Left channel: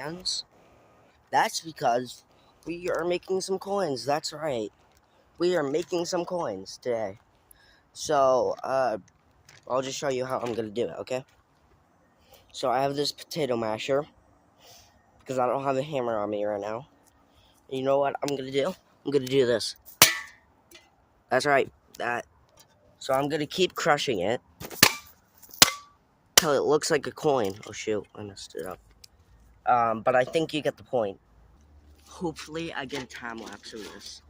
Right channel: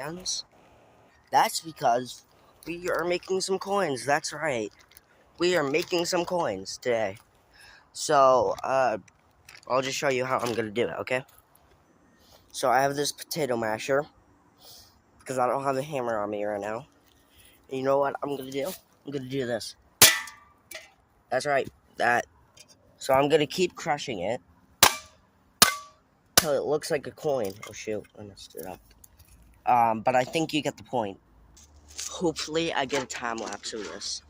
hands? That's because we are making some coins. That's right. We are making some coins today. So, I'll just show you how I'm gonna do it, okay? So I have this potato masher because I don't have a hammer on me right now. And you know what I'm gonna do? I'm gonna do this. That's right, that. So I'm gonna keep crushing it till it looks like a coin. Oh shoot, I messed it up. But I think you get the point. Hopefully I get a time lapse of this.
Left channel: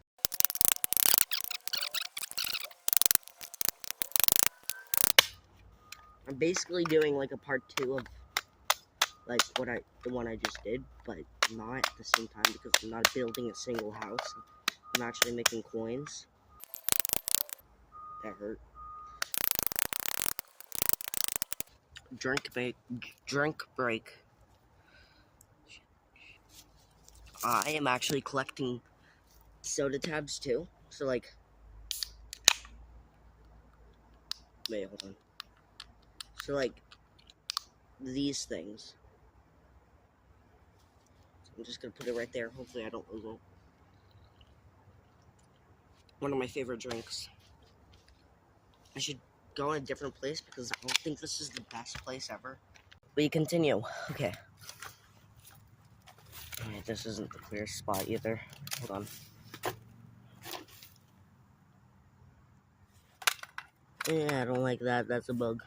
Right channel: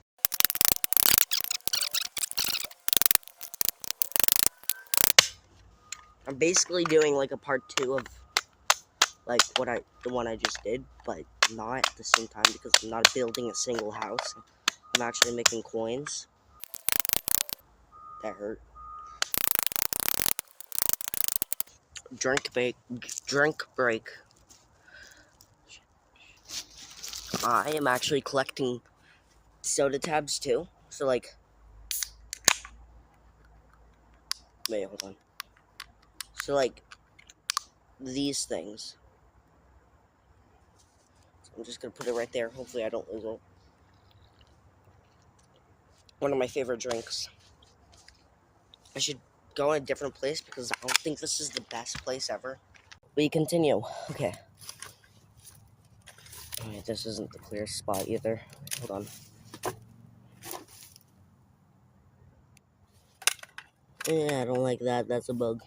I'm basically doing like a part 2 of like the one I just did, but not at the same time because I'm not building a single house. I'm actually making coins. That hurt. Drink break. I am actually collecting soda tabs too. So like, wait, hold on. So like, these things. So I'm just gonna put it right there. Hopefully I don't lose it. One of my favorite drinks. I should go in a different place because I don't think this is the best place ever. We continue. Okay. Alright, this isn't the clearest spot either. Hold on. Yeah, I don't like that. That's a bug.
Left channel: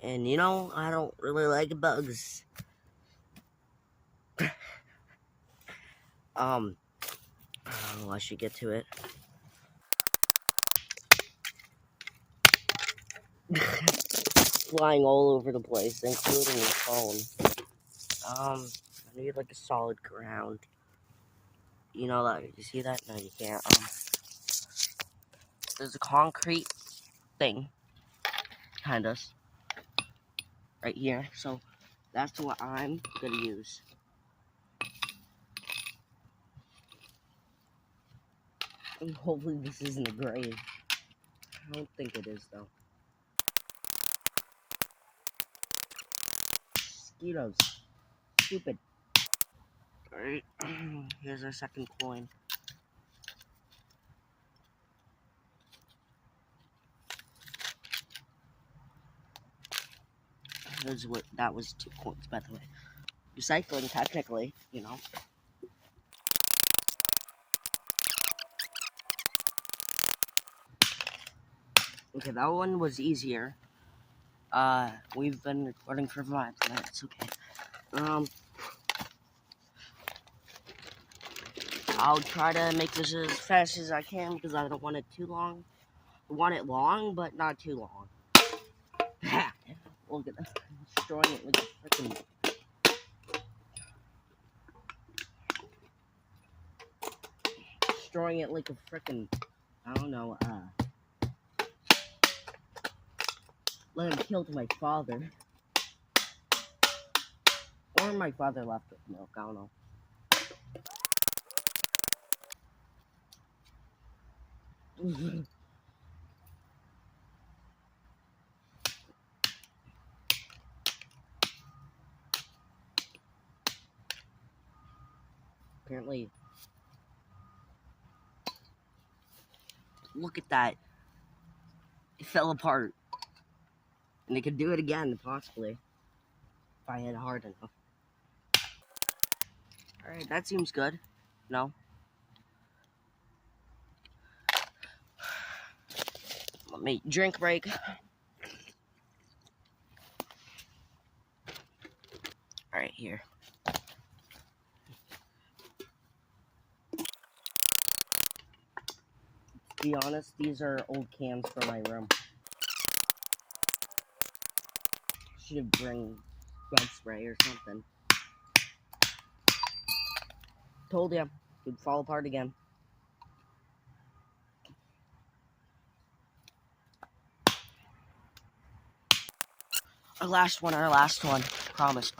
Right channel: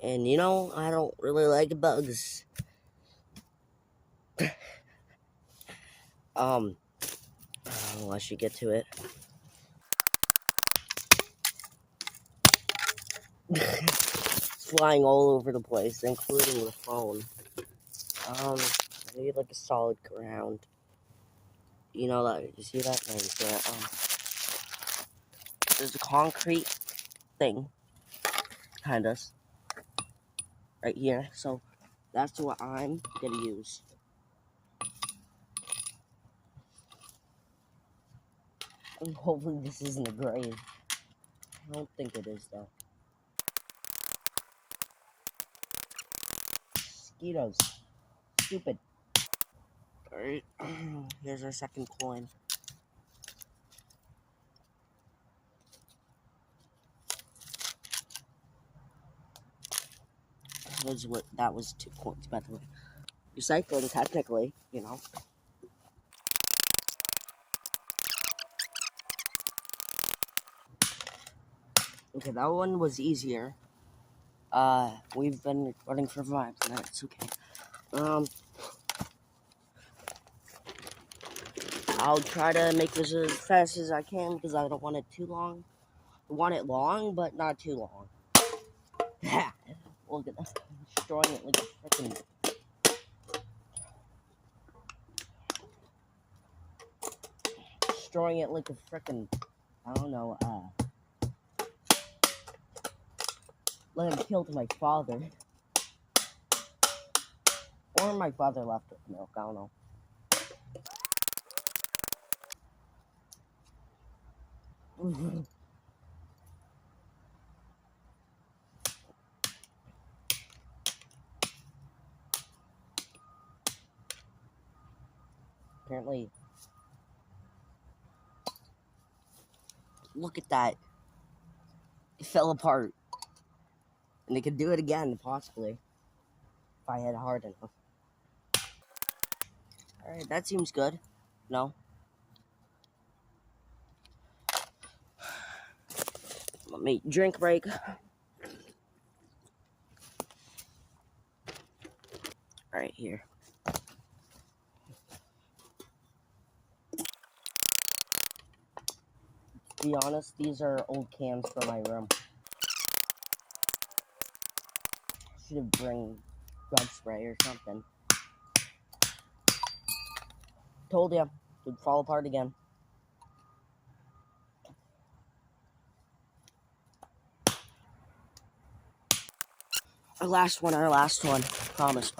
And you know, I don't really like bugs. Oh, I should get to it. Flying all over the place, including the phone. I need like a solid ground. You know that? You see that? No, you see that? There's a concrete thing behind us, right here. So that's what I'm gonna use. And hopefully this isn't a grave. I don't think it is though. Mosquitoes. Stupid. Alright, here's our second coin. That was 2 coins, by the way. Recycling, technically, you know. Okay, that one was easier. We've been recording for 5 minutes, okay. I'll try to make this as fast as I can because I don't want it too long. I want it long, but not too long. Look at that. Destroying it like a freaking... Destroying it like a freaking... I don't know, let him kill my father. Or my father left with milk, I don't know. Apparently... Look at that. It fell apart. And they could do it again, possibly. If I hit hard enough. Alright, that seems good. No? Let me drink break. Alright, here. To be honest, these are old cans for my room. Should have bring bug spray or something. Told ya, it would fall apart again. Our last one. Promise.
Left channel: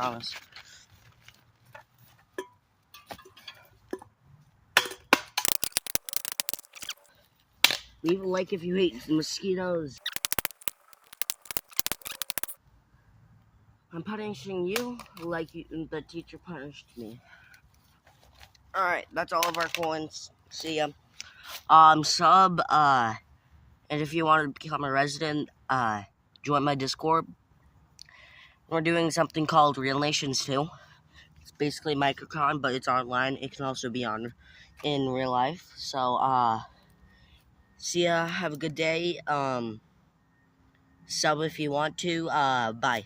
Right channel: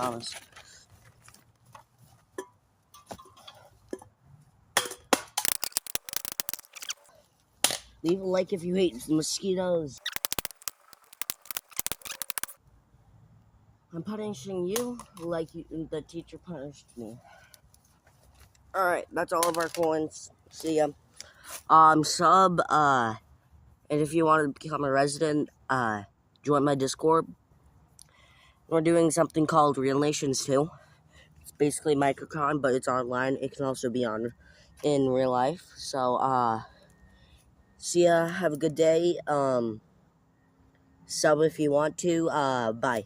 Leave a like if you hate mosquitoes. I'm punishing you like the teacher punished me. Alright, that's all of our coins. See ya. Sub, and if you want to become a resident, join my Discord. We're doing something called Real Nations 2. It's basically Microcon, but it's online. It can also be on in real life. So, see ya. Have a good day. Sub if you want to. Bye.